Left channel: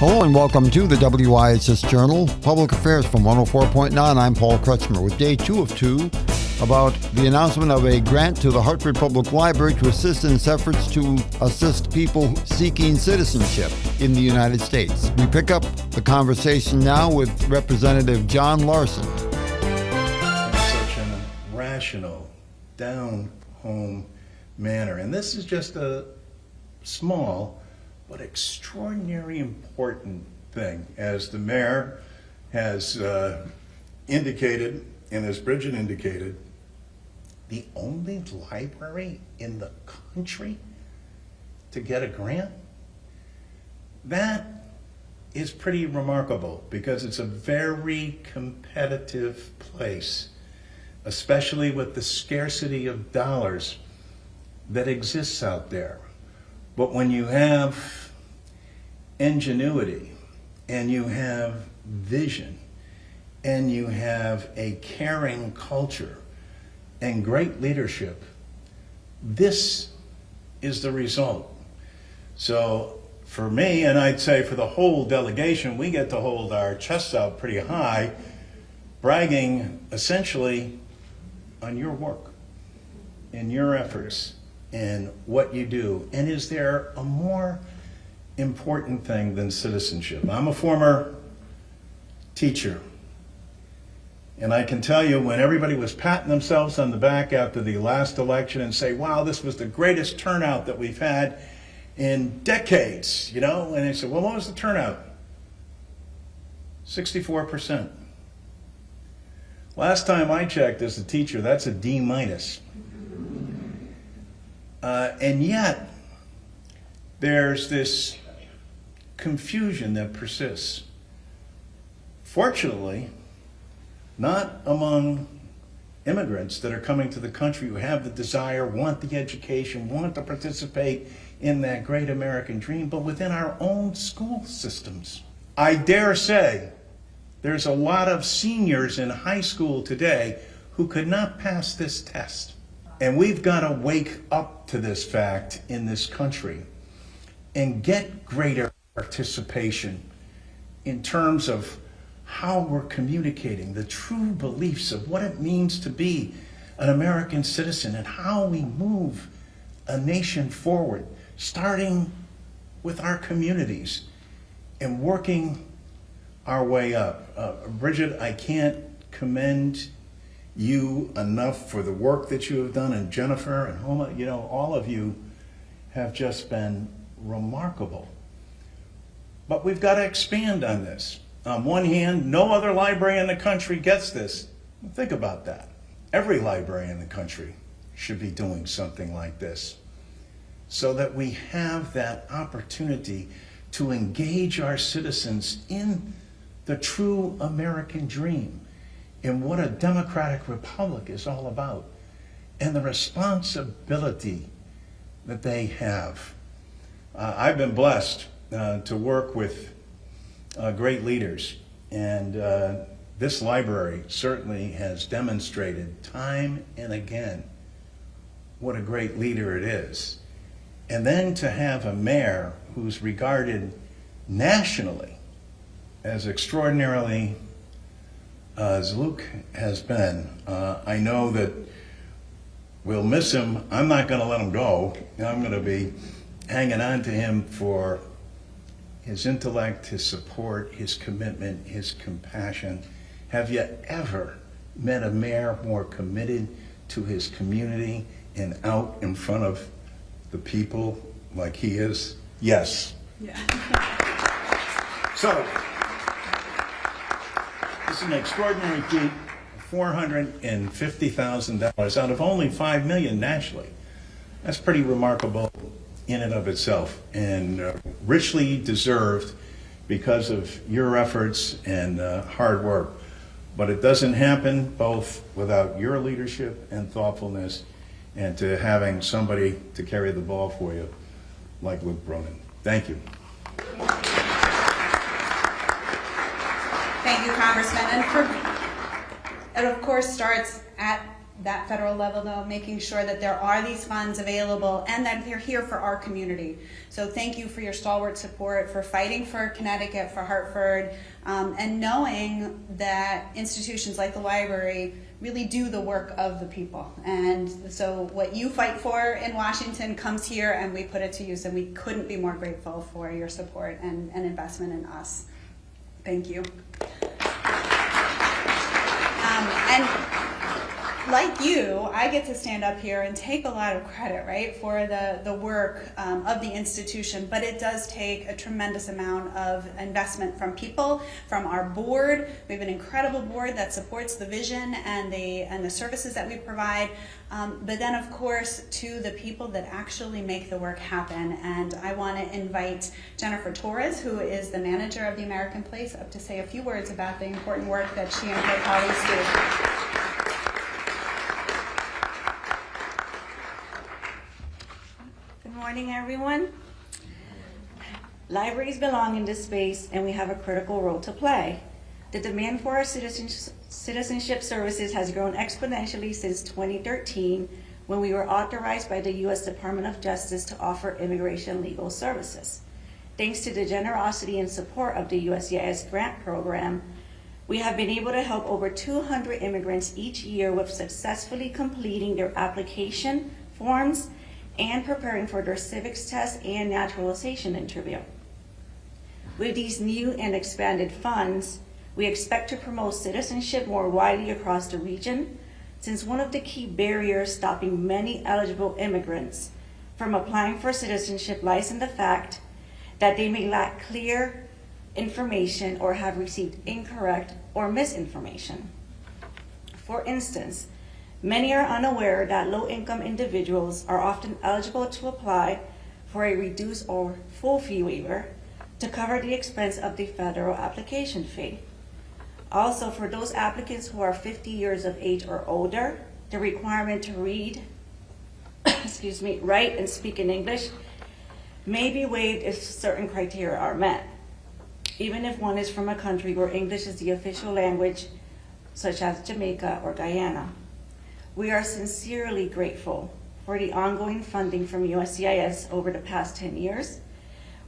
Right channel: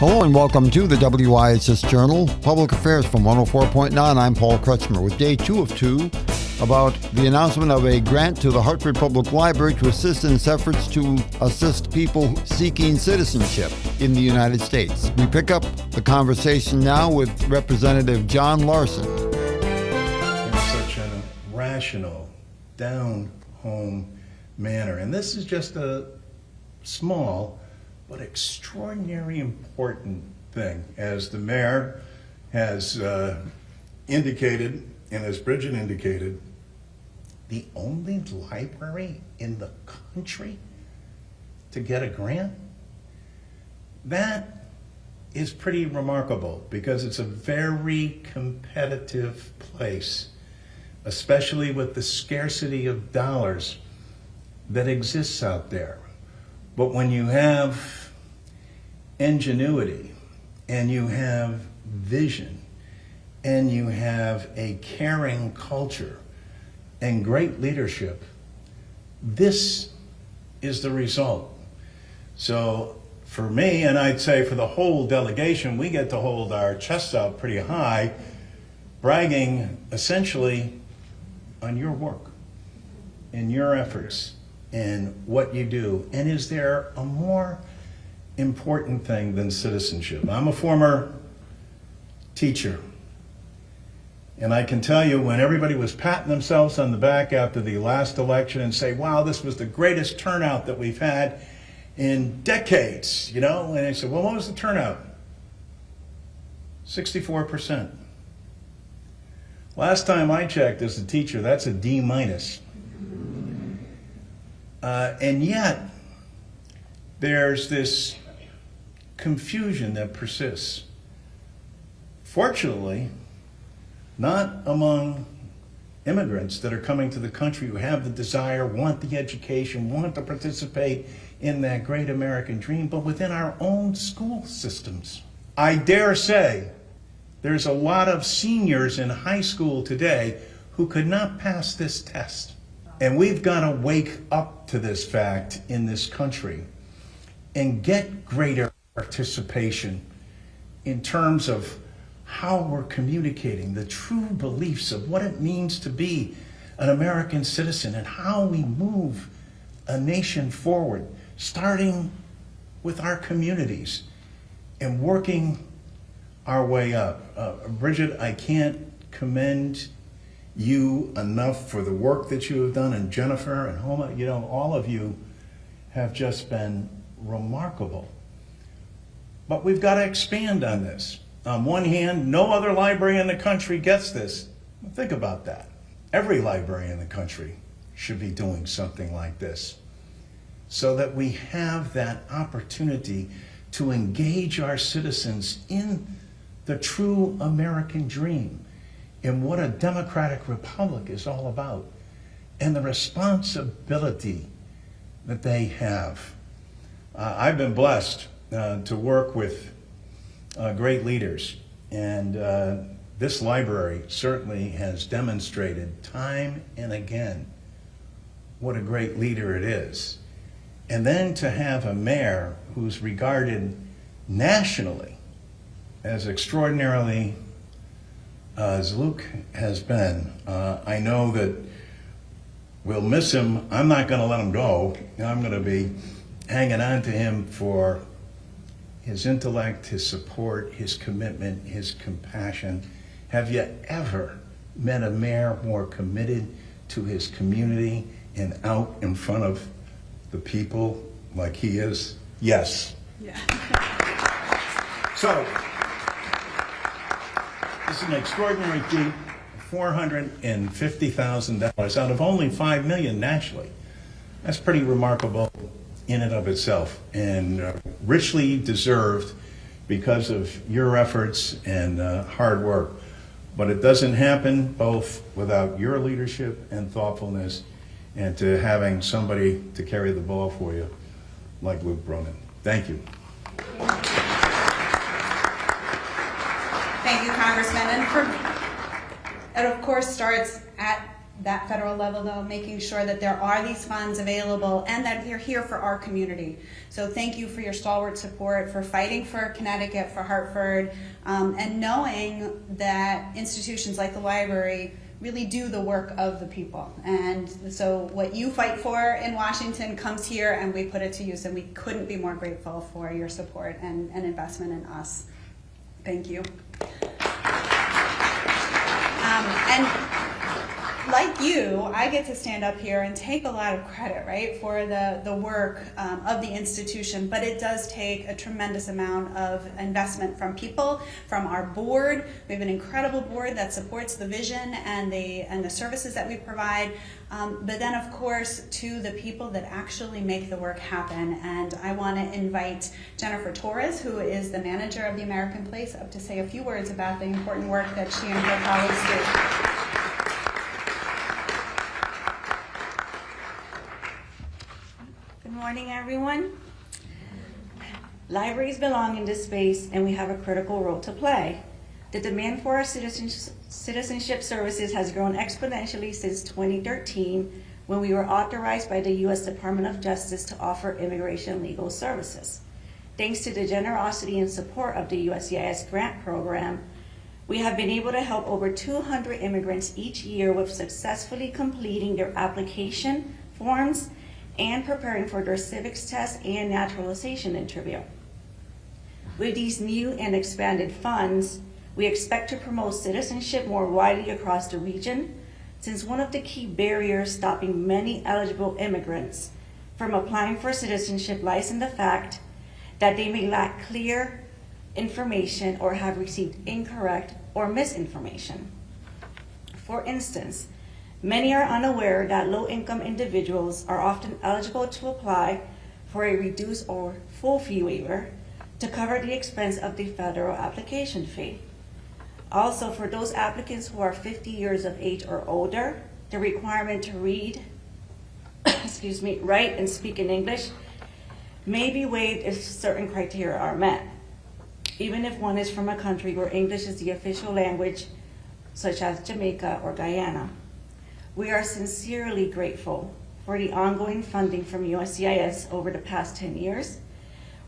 Hello and welcome to the WIHS Journal, Public Affairs from 104.9. I'm Paul Kretschmer with day 2 of 2 about the announcement of a grant to the Hartford Public Library to assist in its efforts to assist people seeking citizenship in the United States. We pick up the conversation now with Representative John Larson. In such a rational, down-home manner. And this is just a small but extraordinarily important thing. As the mayor has indicated, and as Bridget indicated, the only library in the country to get a grant? That is pretty remarkable because it's a very competitive place, especially with the scarcity of dollars that exists out there. But when you have ingenuity and you have vision and you have a caring culture and great leadership, this is the result. So for me, and I'd say for the whole delegation, we get to hold our chests out pretty high, bragging essentially on your work and your efforts and what you do. And is there a more important thing than citizenship? I'm a former teacher, and I can tell you when everybody was patting themselves on the back after the last election and say, wow, this was the greatest turnout that we've had in decades, you know? And I said, well, what was the turnout? 64%. Last time I checked as a teacher, that's a D minus. And yet, there's this confusion that persists. Fortunately, not among immigrants that are coming to the country who have the desire, want the education, want to participate in that great American dream, but within our own school systems. I dare say there's a lot of seniors in high school today who could not pass this test. And we've got to wake up to this fact in this country and get greater participation in terms of how we're communicating the true beliefs of what it means to be an American citizen and how we move a nation forward, starting with our communities and working our way up. Bridget, I can't commend you enough for the work that you have done, and Jennifer and Homa, you know, all of you have just been remarkable. But we've got to expand on this. On one hand, no other library in the country gets this. Think about that. Every library in the country should be doing something like this so that we have that opportunity to engage our citizens in the true American dream, in what a democratic republic is all about, and the responsibility that they have. I've been blessed to work with great leaders, and this library certainly has demonstrated time and again what a great leader it is. And then to have a mayor who's regarded nationally as extraordinarily as Luke has been. I know that we'll miss him. I'm not going to let him go. I'm going to be hanging on to him for his intellect, his support, his commitment, his compassion. Have you ever met a mayor more committed to his community and out in front of the people like he is? Yes. Yeah. So, this is an extraordinary feat, $450,000 out of only $5 million nationally. That's pretty remarkable in and of itself, and richly deserved because of your efforts and hard work. But it doesn't happen both without your leadership and thoughtfulness, and to having somebody to carry the ball for you like Luke Bronin. Thank you. Thank you, Congressman. And it of course starts at that federal level, though, making sure that there are these funds available and that they're here for our community. So thank you for your stalwart support, for fighting for Connecticut, for Hartford, and knowing that institutions like the library really do the work of the people. And so what you fight for in Washington comes here and we put it to use, and we couldn't be more grateful for your support and investment in us. Thank you. And like you, I get to stand up here and take a lot of credit, right, for the work of the institution, but it does take a tremendous amount of investment from people, from our board. We have an incredible board that supports the vision and the services that we provide, but then of course to the people that actually make the work happen. And I want to invite Jennifer Torres, who is the manager of the American Place, up to say a few words about the important work that she and her colleagues do. Good morning, everyone. Libraries belong in this space, and we have a critical role to play. The demand for our citizenship services has grown exponentially since 2013, when we were authorized by the U.S. Department of Justice to offer immigration legal services. Thanks to the generosity and support of the USCIS grant program, we have been able to help over 200 immigrants each year with successfully completing their application forms and preparing for their civics test and naturalization interview. With these new and expanded funds, we expect to promote citizenship more widely across the region, since one of the key barriers stopping many eligible immigrants from applying for citizenship lies in the fact that they may lack clear information or have received incorrect or misinformation. For instance, many are unaware that low-income individuals are often eligible to apply for a reduced or full fee waiver to cover the expense of the federal application fee. Also, for those applicants who are 50 years of age or older, the requirement to read, write and speak in English may be waived if certain criteria are met, even if one is from a country where English is the official language, such as Jamaica or Guyana. We are sincerely grateful for the ongoing funding from USCIS over the past 10 years,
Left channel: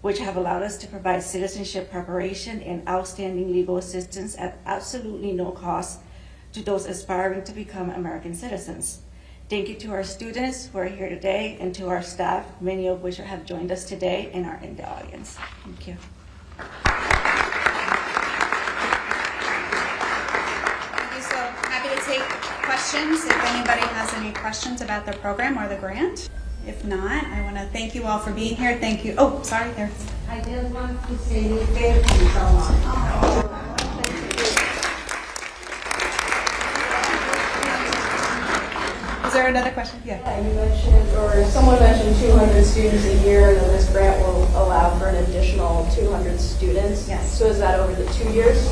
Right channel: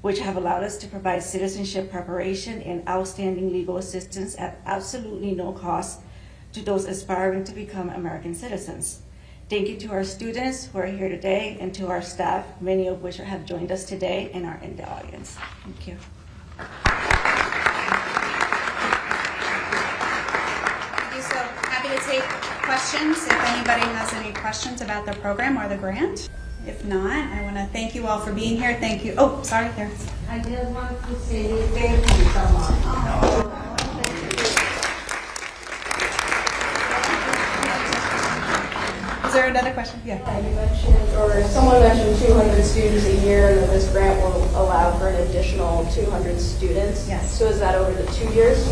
which have allowed us to provide citizenship preparation and outstanding legal assistance at absolutely no cost to those aspiring to become American citizens. Thank you to our students who are here today and to our staff, many of which have joined us today and are in the audience. Thank you. So happy to take questions if anybody has any questions about the program or the grant. If not, I want to thank you all for being here. Thank you. Oh, sorry, there. I just want to say thank you so much. Is there another question? Yeah. You mentioned, or someone mentioned 200 students a year, and then this grant will allow for an additional 200 students. Yes. So is that over the 2 years?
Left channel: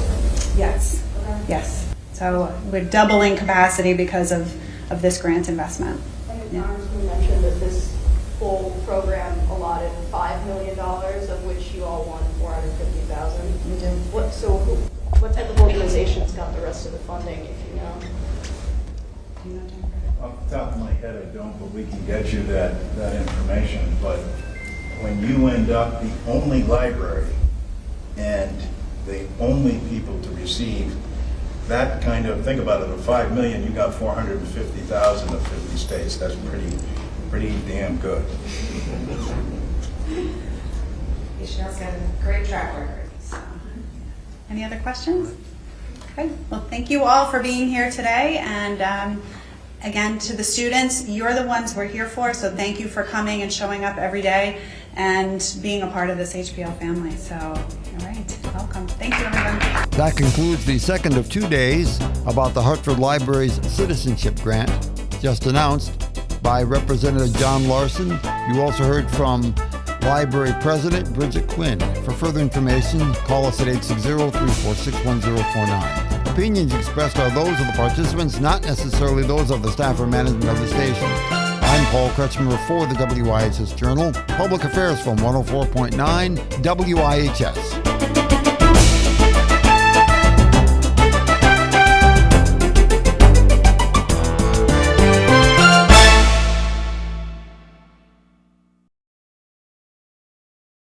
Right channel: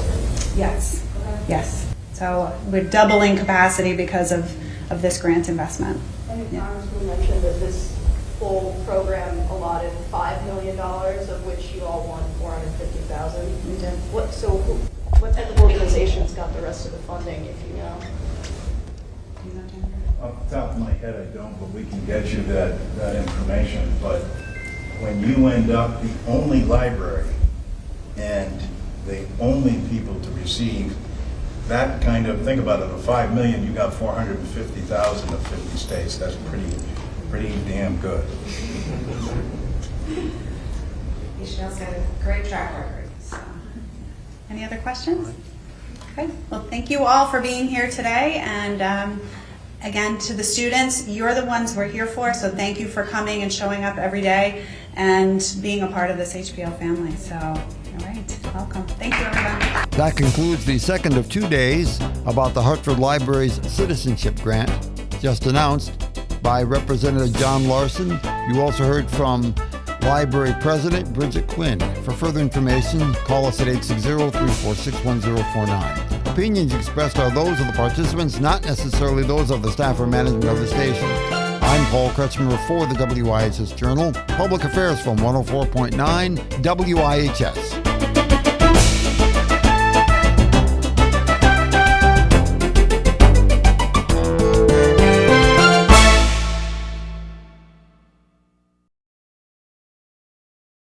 Yes. Okay. Yes. So we're doubling capacity because of this grant investment. And the Yeah. Congressman mentioned that this full program allotted $5 million, of which you all won $450,000. We did. What type of organizations got the rest of the funding, if you know? Do you know, Jennifer? Off the top of my head, I don't, but we can get you that information. But when you end up the only library and the only people to receive that kind of, think about it, of $5 million, you got 450,000 of 50 states. That's pretty damn good. Michelle's got a great track record. So, any other questions? Okay. Well, thank you all for being here today. And again, to the students, you're the ones we're here for. So thank you for coming and showing up every day and being a part of this HPL family. So, all right, welcome. Thank you, everyone. That concludes the second of 2 days about the Hartford Library's Citizenship Grant, just announced by Representative John Larson. You also heard from Library President Bridget Quinn. For further information, call us at 860-346-1049. Opinions expressed are those of the participants, not necessarily those of the staff or management of the station. I'm Paul Kretschmer for the WIHS Journal, Public Affairs from 104.9 WIHS.